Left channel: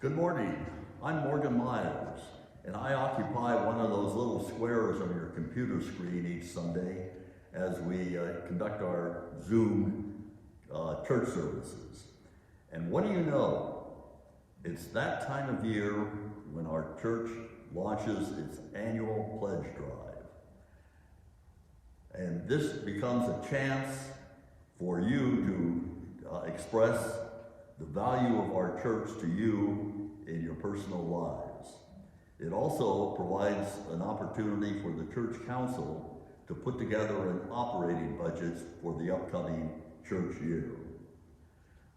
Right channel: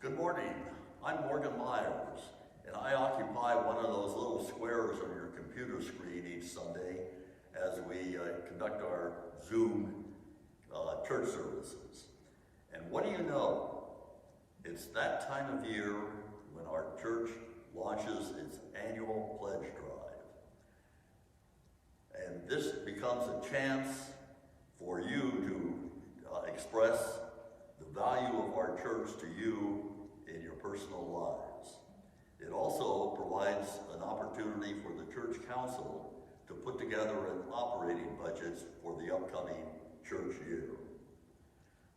Good morning. I'm Morgan Meyers, and I occupy one of those little squares on your computer screen each Sunday as we conduct our Zoom church services. And what do you know? It's that time of year when our church launches its annual pledge drive. And this becomes a chance for you to express the value of our church to you in your personal lives. It also provides an opportunity for the church council to put together an operating budget for the upcoming church year.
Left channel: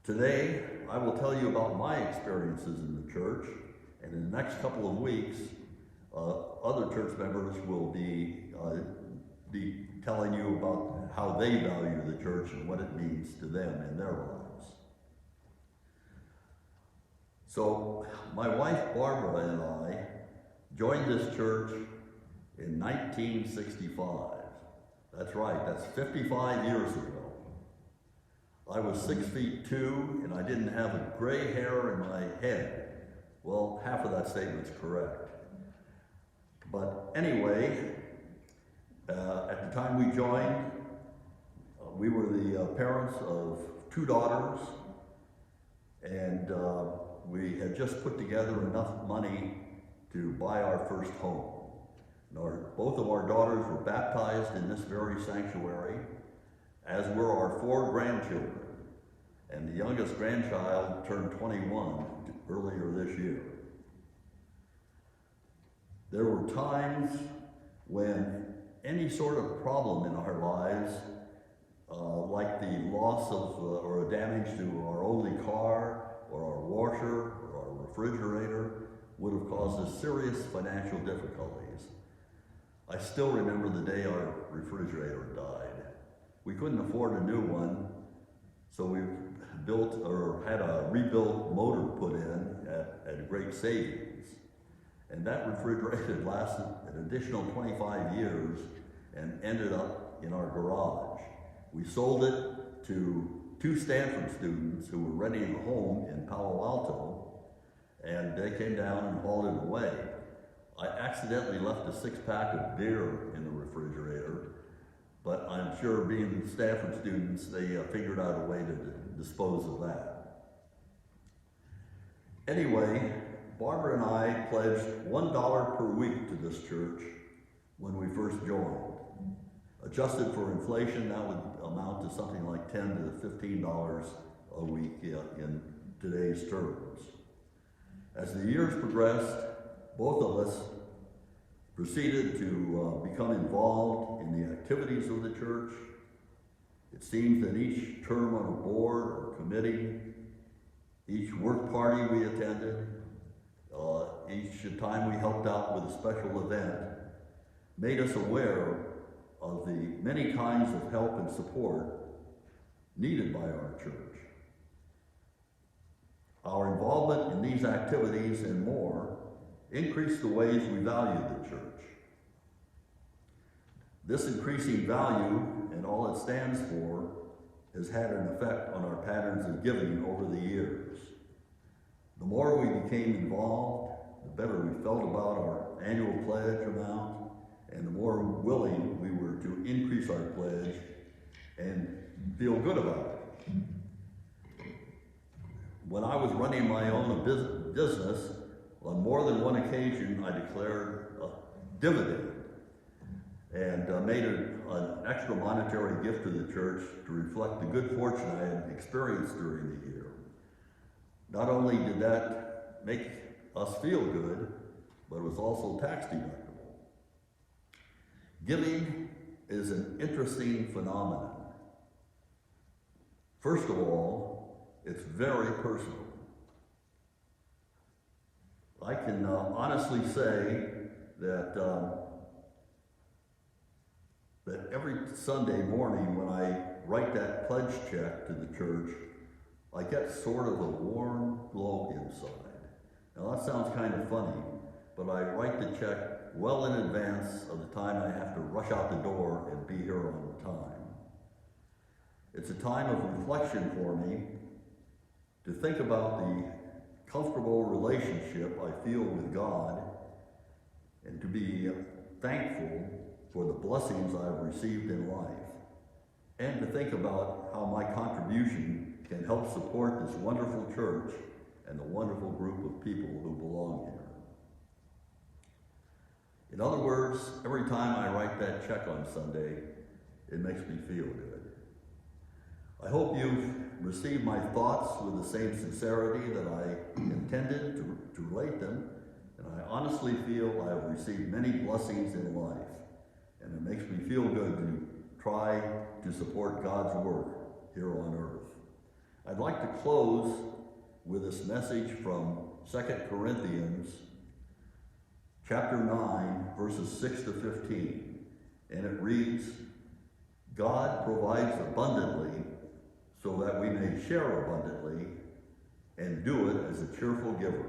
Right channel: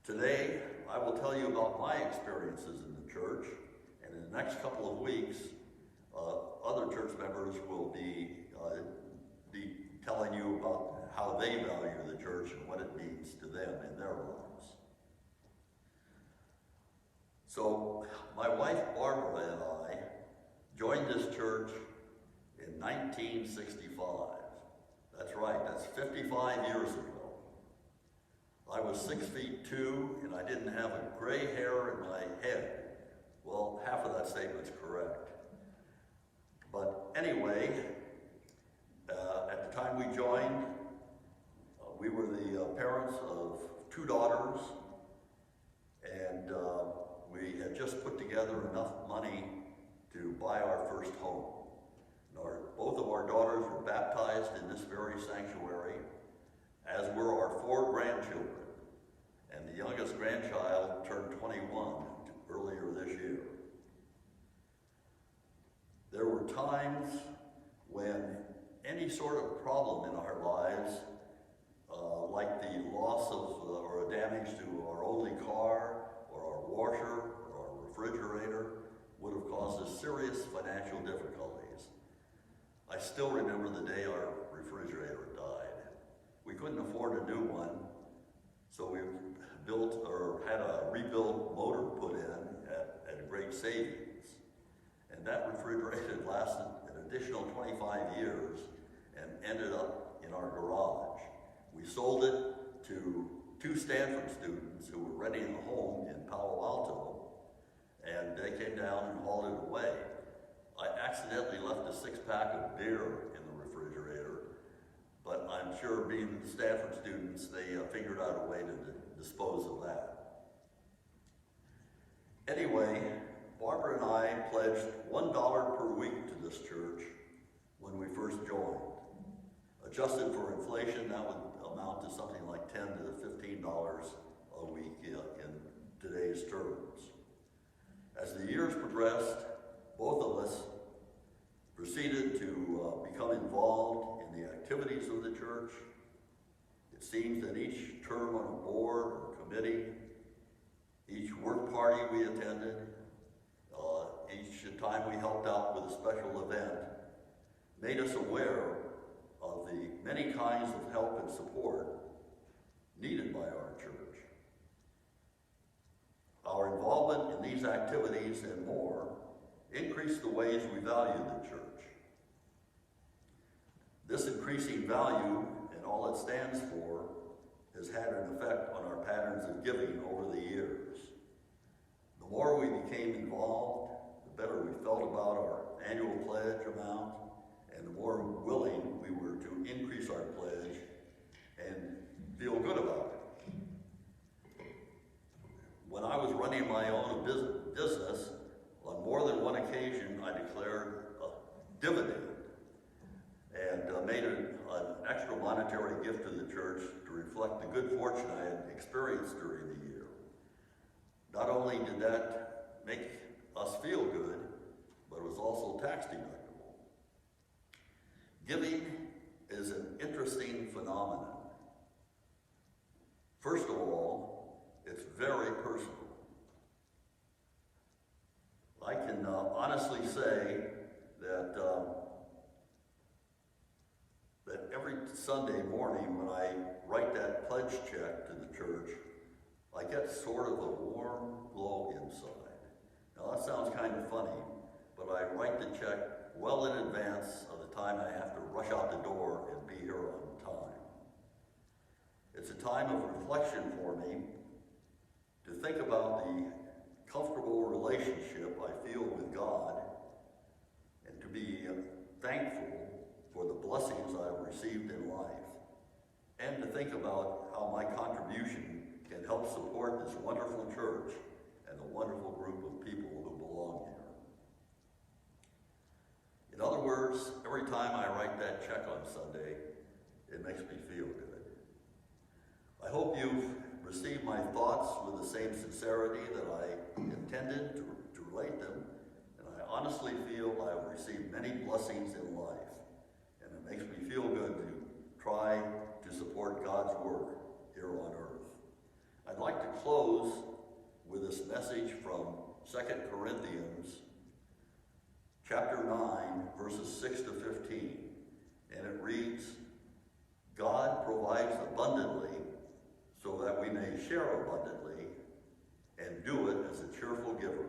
Today, I will tell you about my experiences in the church, and in the next couple of weeks, other church members will be telling you about how they value the church and what it means to them in their lives. So my wife Barbara and I joined this church in 1965. That's right, that's 55 years ago. I was 6'2", and I didn't have a gray hair in my head. Well, half of that statement's correct. But anyway, at the time we joined, we were the parents of 2 daughters, and we had just put together enough money to buy our first home. And both of our daughters were baptized in this very sanctuary, as were our 4 grandchildren. And the youngest grandchild turned 21 earlier this year. There were times when any sort of problem in our lives, like the loss of or damage to our only car, or our washer, or our refrigerator, would have caused us serious financial difficulties. I still remember the day our refrigerator died. We couldn't afford a new one, so we built or had a rebuilt motor put in at great savings. And that refrigerator lasted an additional 25 years and ended up in our garage. We sold it to 2 Stanford students who were renting a home in Palo Alto, and they came down and hauled it away. I accidentally left a 6-pack of beer in the refrigerator, but I'm sure being Stanford students, they figured out a way to dispose of that. Anyway, Barbara and I pledged $1 per week to this church when we first joined. Adjusted for inflation, that would amount to something like $10 to $15 a week in today's terms. As the years progressed, both of us proceeded to become involved in the activities of the church. It seems that each term on a board or committee, each work party we attended, each time we helped out with a special event, made us aware of the many kinds of help and support needed by our church. Our involvement in these activities and more increased the ways we valued the church. This increasing value and all it stands for has had an effect on our patterns of giving over the years. The more we became involved, the better we felt about our annual pledge amount, and the more willing we were to increase our pledge and feel good about it. When I was running my own business, on more than one occasion I declared a dividend and made an extra monetary gift to the church to reflect the good fortune I had experienced during the year. Not only did that make us feel good, but it was also tax deductible. Giving is an interesting phenomenon. First of all, it's very personal. I can honestly say that that every Sunday morning when I write that pledge check to the church, I get sort of a warm glow inside. Now that sounds kind of funny, but I write the check well in advance of the time I have to rush out the door and be here on time. It's a time of reflection for me to think about the comfortable relationship I feel with God, and to be thankful for the blessings I've received in life, and to think about how my contribution can help support this wonderful church and the wonderful group of people who belong here. In other words, every time I write that check on Sunday, it makes me feel good. I hope you've received my thoughts with the same sincerity that I intended to relate them, and I honestly feel I have received many blessings in life, and it makes me feel good to try to support God's work here on earth. I'd like to close with this message from 2 Corinthians chapter 9, verses 6 to 15, and it reads, God provides abundantly so that we may share abundantly and do it as a cheerful giver.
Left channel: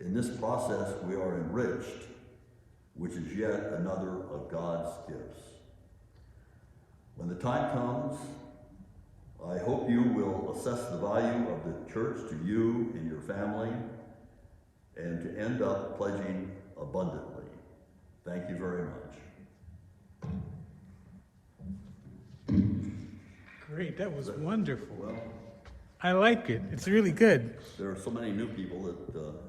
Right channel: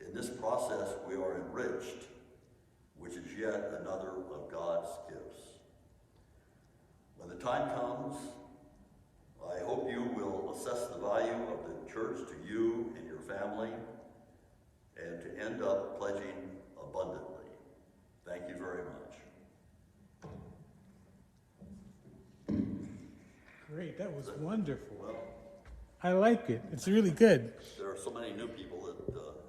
In this process we are enriched, which is yet another of God's gifts. When the time comes, I hope you will assess the value of the church to you and your family, and to end up pledging abundantly. Thank you very much. Great, that was wonderful. Well, I like it. It's really good. there are so many new people that